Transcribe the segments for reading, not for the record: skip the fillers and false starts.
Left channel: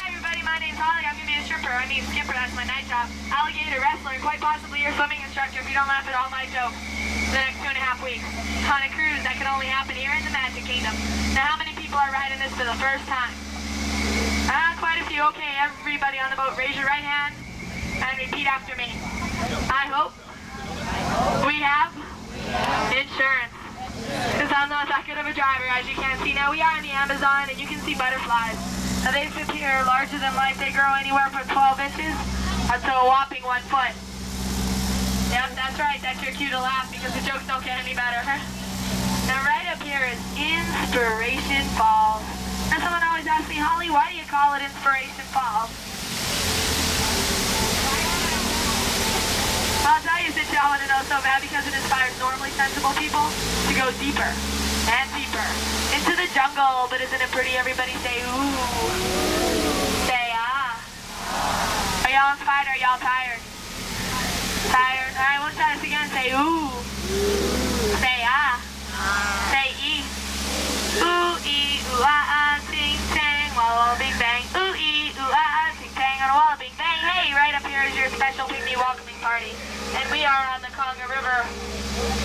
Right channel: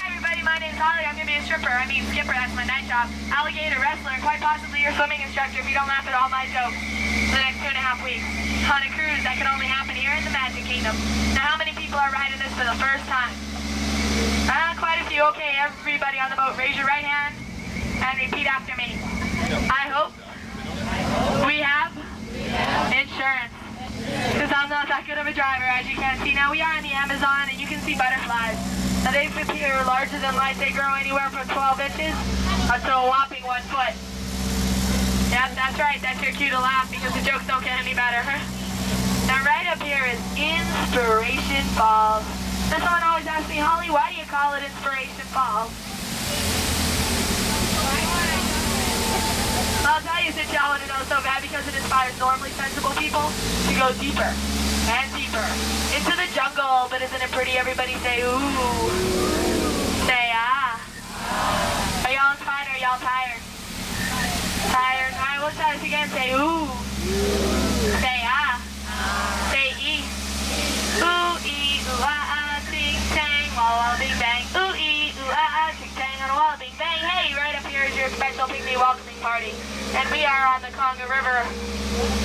Hi everybody, my name's Holly. I'm gonna be a stripper. I mean skipper, that's my night job. Alligator wrestler, and quite possibly your swimming instructor if you don't laugh at all my jokes for the next 2.5 weeks. On a cruise that can only happen here in the Magic Kingdom. Now how many people are riding this for the first time? Quite a few. Okay, everybody on the boat, raise your right hand and repeat after me. I hope we have insurance. Because I'm not that good of a driver, as you can see. Now we are in the Amazon and you can see butterflies. Now they appear larger than life. They grow anywhere from 12 inches up to a whopping 1 foot. Yep, that's right. That's your cue to laugh because the jokes don't get any better. Now right up here is Inspiration Falls. And someone always asks me, Holly, why do you call it Inspiration Falls? I'll tell you since y'all want to know so bad, because it inspires normally sensible people to go deeper and deeper into the jungle. But isn't it pretty? Everybody say ooh. Say ah. Are y'all inspired or are y'all tired? Tired. Alright, we'll try this again. Say ooh. Say ah. Say ee. Ooh ee ooh ah ah ting tang walla bing bang. Ooh ee ooh ah ah ting tang on a walla bing bang. Hey, right up here is your special pygmy welcoming party. And we are on the Conga River.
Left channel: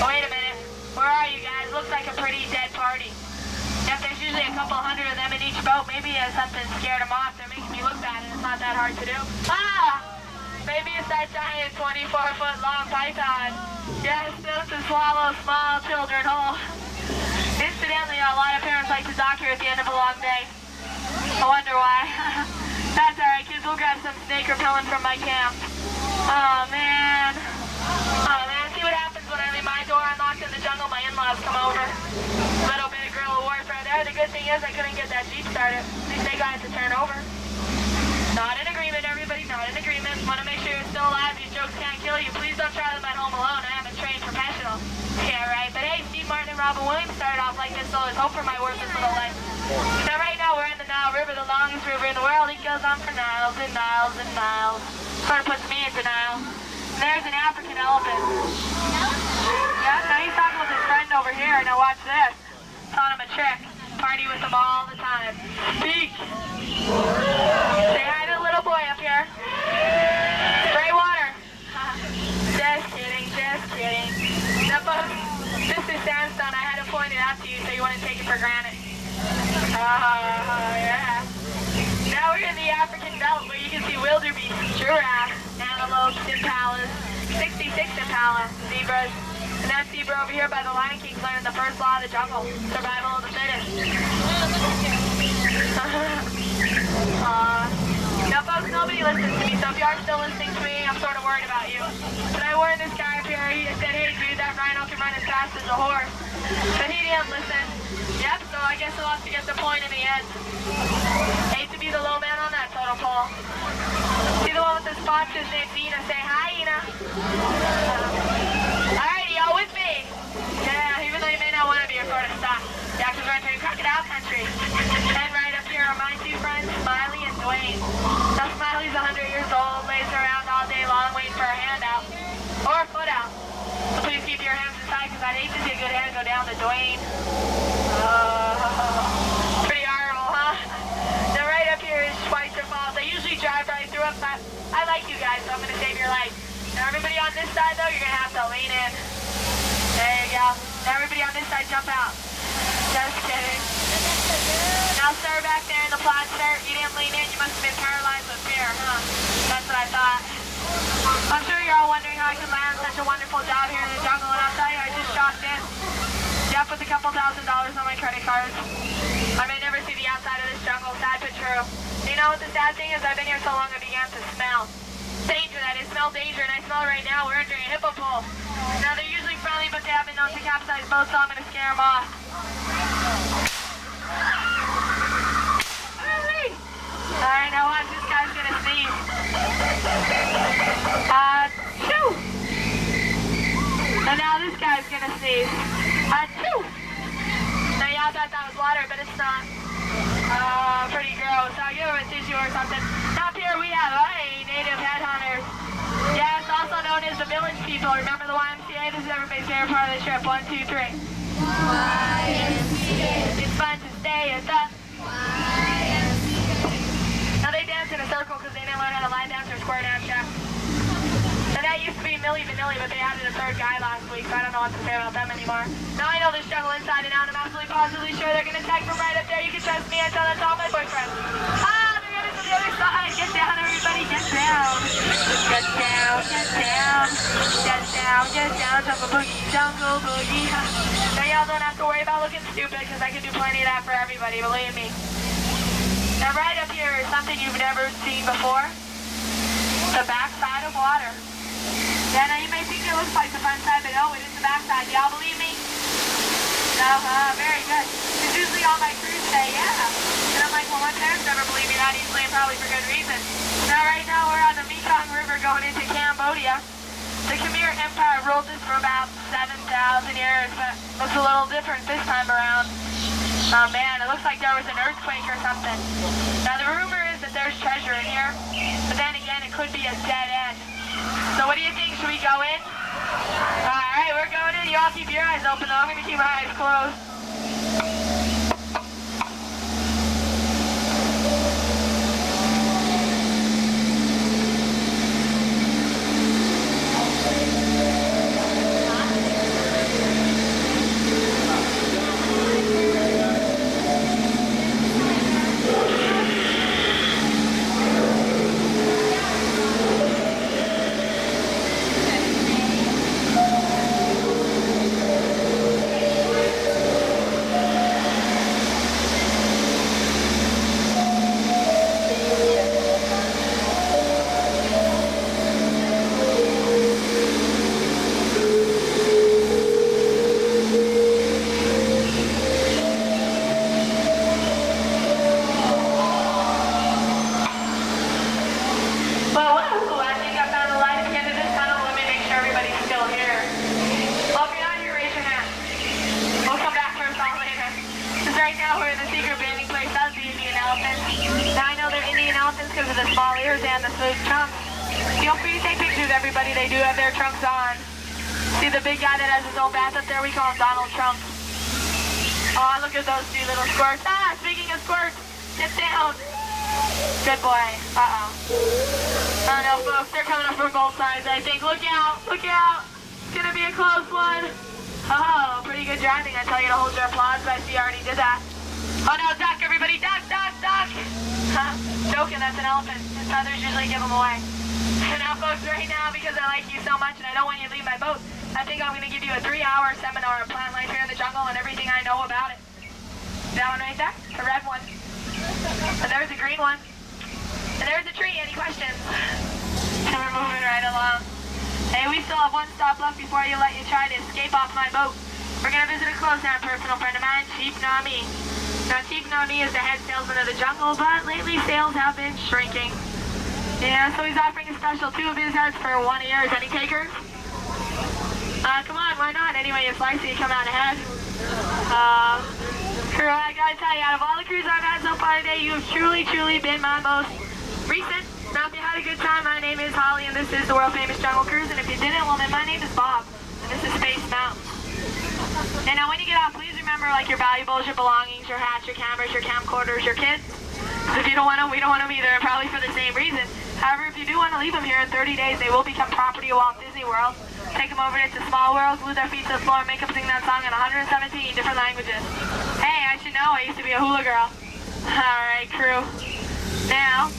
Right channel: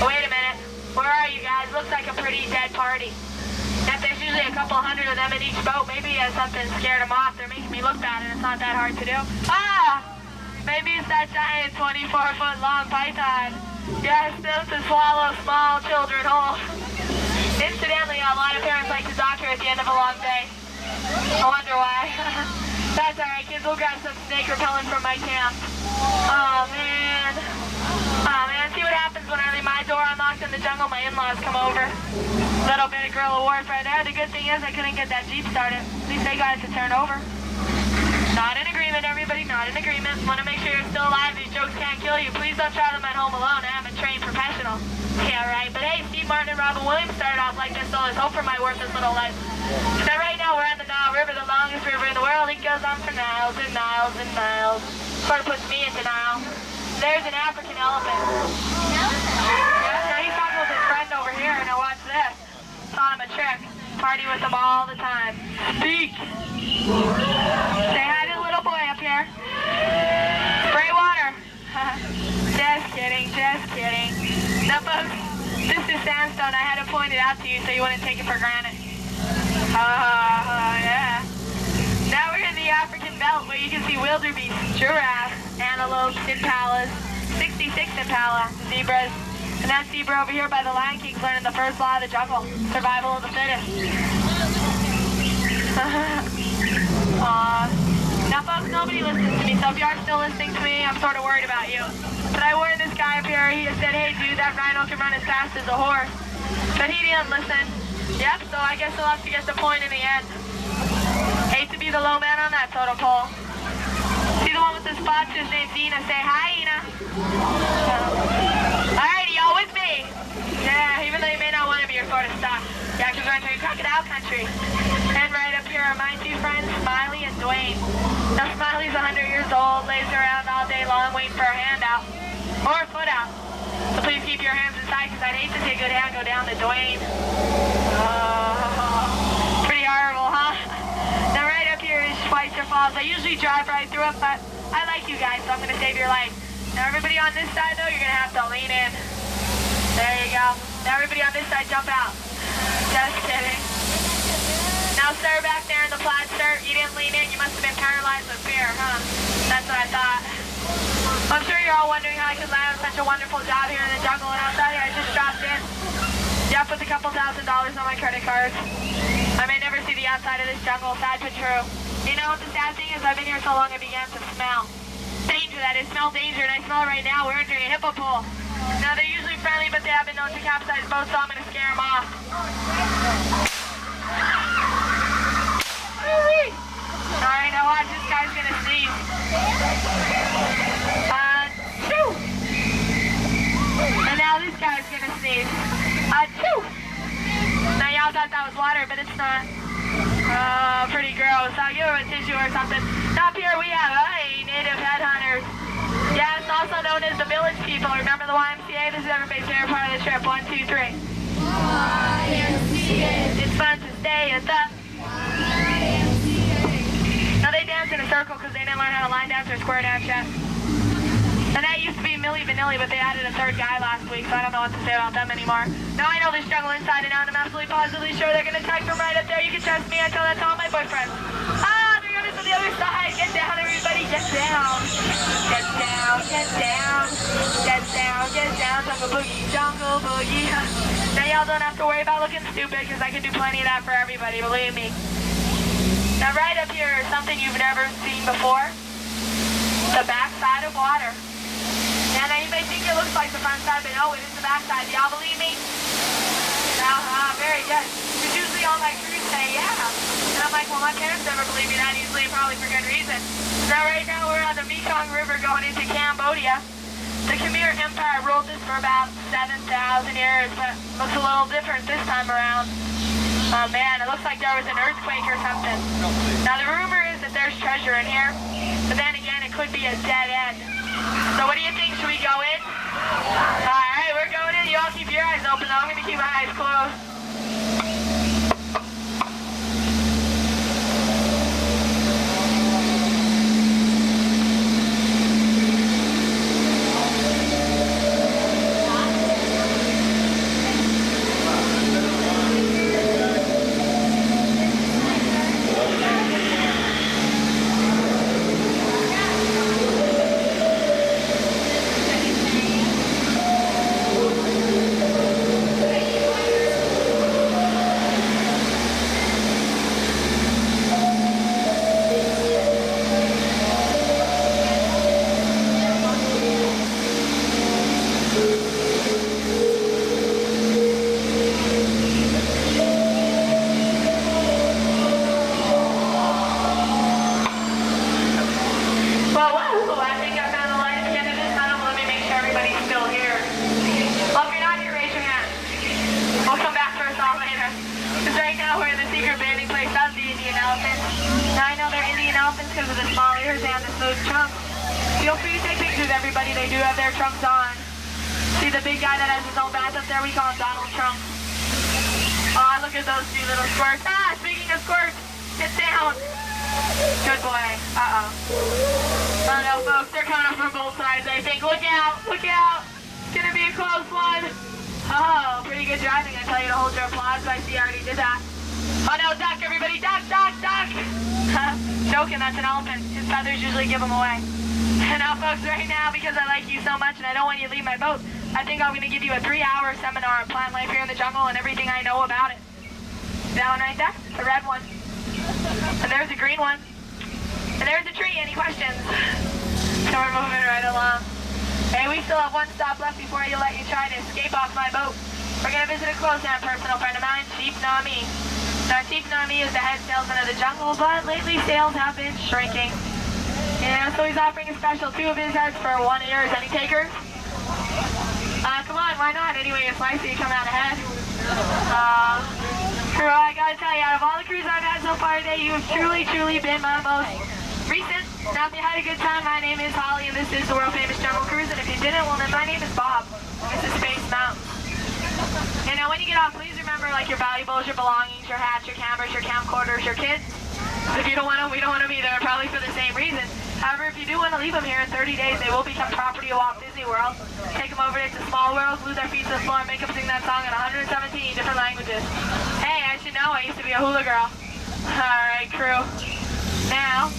Oh, wait a minute. Where are you guys? Looks like a pretty dead party. Yep, there's usually a couple hundred of them in each boat. Maybe something scared them off. They're making me look bad and it's not that hard to do. Ah! Maybe it's that giant 24-foot long python. Yes, built to swallow small children whole. Incidentally, a lot of parents like to dock here at the end of a long day. I wonder why. That's alright, kids. We'll grab some snake repellent from my camp. Oh, man. Oh, man. See what happens when I leave my door unlocked in the jungle. My in-laws come over. Little bit of guerrilla warfare there. The good thing is I couldn't get that Jeep started. At least they got it to turn over. Not in agreement, everybody. Not in agreement. Want to make sure you're still alive. These jokes can't kill you. Please don't try them at home alone. I'm a trained professional. Yeah, right. But hey, Steve Martin and Robin Williams started off like this, so there's hope for my worthless little life. Now, right now, we're in the Nile River, the longest river in the world. It goes on for miles and miles and miles. Sort of puts me in denial. There's an African elephant. Yeah, now he's talking with his friend over here. Now watch this. Taught him a trick. Party with him all the time. Speak. Say hi to the little boy up here. Spray water. Just kidding, just kidding. Now folks, this is sandstone. I had to point it out to you so you wouldn't take it for granted. Yeah. Now we're in the African belt where you can see wildebeest, giraffes, antelopes, impalas, 66 impala, zebras, and that zebra over here by the Lion King's learning the first law of the jungle, survival of the fittest. Now folks, nobody listens to me, so if you are still listening to me, I'm sort of worried about you. But I warned this guy up here. He said, hey dude, that rhino can run as fast as a horse. But he didn't listen. Yep, so I guess he'll have to get the point in the end. Hate to be the low man on that totem pole. See the one with the spots? His name's Ina. Say hi, Ina. Alright, y'all with me? Yeah, even though you may not want to be, you're sort of stuck. Yeah, because we're entering crocodile country. And right up here are my two friends, Smiley and Dwayne. Now Smiley's 100 years old, lays around all day long waiting for a hand out. Or a foot out. So please keep your hands inside because I'd hate to see a good hand go down to Dwayne. Pretty horrible, huh? Now right up here is Schweitzer Falls. I usually drive right through it, but I like you guys, so I'm going to save your life. Now everybody on this side, though, you're going to have to lean in. There you go. Now everybody on this side, jump out. Just kidding. Now sir, back there in the plaid shirt, you didn't lean in. You must have been paralyzed with fear, huh? That's what I thought. I'm sure you're all wondering how I could land such a wonderful job here in the jungle, and I'll tell you, I just dropped in. Yep, with a couple $1,000 on my credit cards. I may never see the outside of this jungle, sad but true. You know what the sad thing is? I've been here so long I began to smell. Danger, that is. Smell danger, and I smell right now. We're entering a hippo pool. Now, they're usually friendly, but they have been known to capsize boats, so I'm going to scare them off. Alright, now watch, this guy's going to sneeze. Achoo! And now this guy's going to sneeze. Achoo! Now, y'all thought that was water, but it's not. Pretty gross. I'll give him a tissue or something. Up here we have, native headhunters. Yes, also known as the village people. Remember the YMCA? This is everybody's favorite part of the trip. 1, 2, 3. YMCA. It's fun to stay at the YMCA. Now they circle because they didn't learn how to line dance or square dance yet. And that used to be Milli Vanilli, but they added a third guy last week, so I don't know what to say about them anymore. Now I know this jungle inside and out, and I'm absolutely positively sure they're going to tag from right up there. You can trust me, I tell that to all my boyfriends. Ah, they're going to the other side. Get down, everybody, get down. Get down, get down. Get down, get down. Jungle boogie, jungle boogie. Now y'all don't have to worry about looking stupid, because I can do plenty of that for everybody, believe me. Now right up here is something you've never seen before. The backside of water. Yeah, now you may think it looks like the front side, but no, it is the back side. Y'all believe me? No, very good. Because usually all my crews say, yeah. And I'm like, well, my parents never believe me that easily, and probably for good reason. So now right now we're on the Mekong River going into Cambodia. The Khmer Empire ruled this for about 7,000 years, but it looks a little different this time around. Oh man, it looks like there was an earthquake or something. Now the rumor is that there's treasure in here, but then again, it could be a dead end. So what do you think? Should we go in? Alright, we're going in. You all keep your eyes open though. I'm going to keep my eyes closed. Because of the small ears and the smooth trunks. Feel free to take pictures, everybody. They do have their trunks on. See the big guy that has his own bath up there? We call him Donald Trump. Oh, look at those two little squirts. Ah, speaking of squirts, get down. Good boy. Uh-oh. Oh no, folks, they're coming up from both sides, I think. Look out, look out. It's going to be a close one. Oh, pretty good driving. I tell you to hold your applause, but I see you already did that. Oh no, duck, everybody, duck, duck, duck. Joking, that's an elephant. His feathers usually give him away. And now, folks, right now, because I like you so much and I don't want you to leave my boat, I think I'm going to give you a 3-hour seminar on plant life here in the jungle and everything I know about it. That one right there, a red one. And there's a green one. And there's a tree. Any questions? So we're moving right along. Hey, we still have one stop left before you let you try to escape off my boat. We're going to visit a close-down personal friend of mine, Chief Nami. Now, Chief Nami is the head salesman of the jungle, but lately sales have been shrinking. Yeah, so he's offering a special 2 of his heads for 1 ear. Any takers? Come on, why not? Anyway, it's likely to come out ahead. Crew, I gotta tell you, out of all the crews I've had so far today, you have truly, truly been my most recent. Now, if you had a good time, my name is Holly, and this is the world-famous Jungle Cruise, and if you didn't, well, then my name is Bob, and this is Space Mountain. And now when you get off, please remember like your valuables, your belongings, your hats, your cameras, your camcorders, your kids. So if you don't want them, we don't want them either, probably for the same reason. However, if you do want to leave them here in 30 days, they will become property of Walt Disney World. Take them over to Small World, glue their feet to the floor, and make them sing that song in 117 different languages. Hey, I should know, I used to be a hula girl. Alright, crew. Now,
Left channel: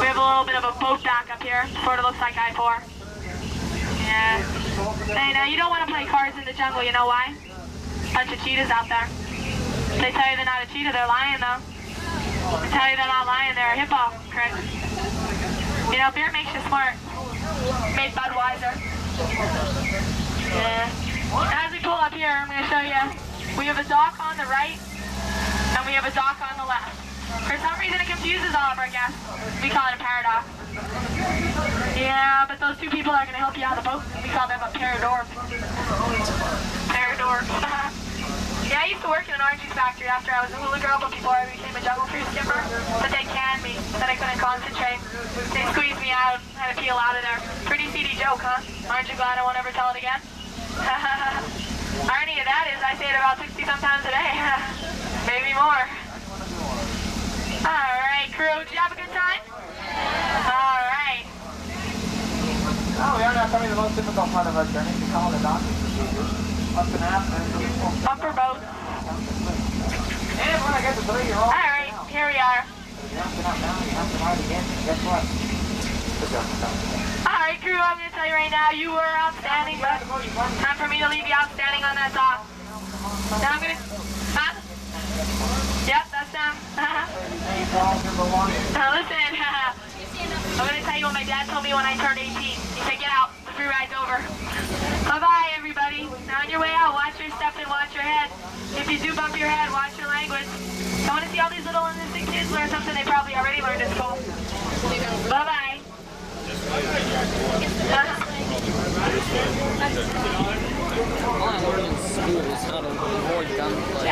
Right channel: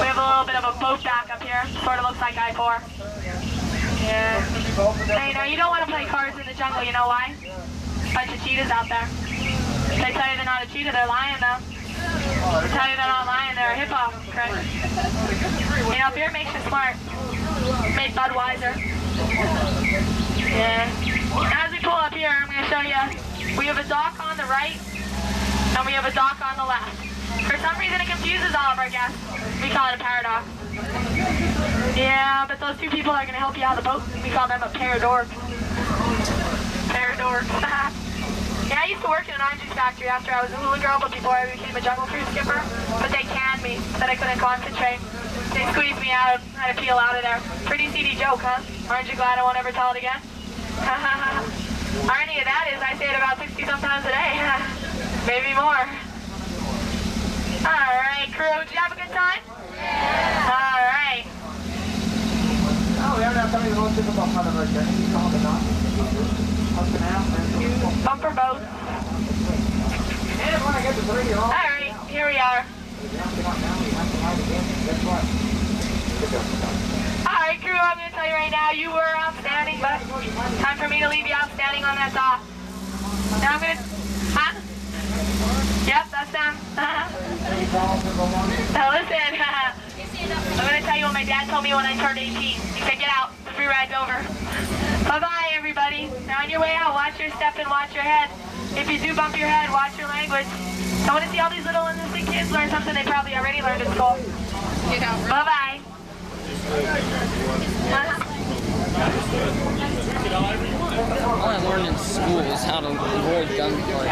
we have a little bit of a boat dock up here. Sort of looks like I-4. Yeah. Hey, now you don't want to play cards in the jungle, you know why? Bunch of cheetahs out there. They tell you they're not a cheetah, they're lying though. They tell you they're not lying, they're a hippo, correct? You know, beer makes you smart. Made Budweiser. Yeah. Now as we pull up here, I'm going to show you, we have a dock on the right, and we have a dock on the left. For some reason it confuses all of our guests. We call it a paradox. Yeah, but those 2 people are going to help you out of the boat. We call them a paradork. Paradork. Yeah, I used to work in an orange juice factory after I was a hula girl, but before I became a jungle cruise skipper. But they canned me, said I couldn't concentrate. They squeezed me out, I had to peel out of there. Pretty seedy joke, huh? Aren't you glad I won't ever tell it again? Irony of that is I say it about 60 sometimes a day. Maybe more. crew. Did you have a good time? Yeah. All right. Bumper boat. All right, here we are. All right, crew, I'm going to tell you right now, you were outstanding, but time for me to leave you outstanding on that dock. Now I'm going to... Huh? Yep, that's them. Now listen, I'm going to tell you what my dad told me when I turned 18. He said, get out, the free ride's over. Bye-bye, everybody. Now on your way out, watch your step and watch your head. If you do bump your head, watch your language. I want to see all these little innocent kids learn something they probably already learned at school. Bye-bye. All I learned in school is how to avoid gunplay.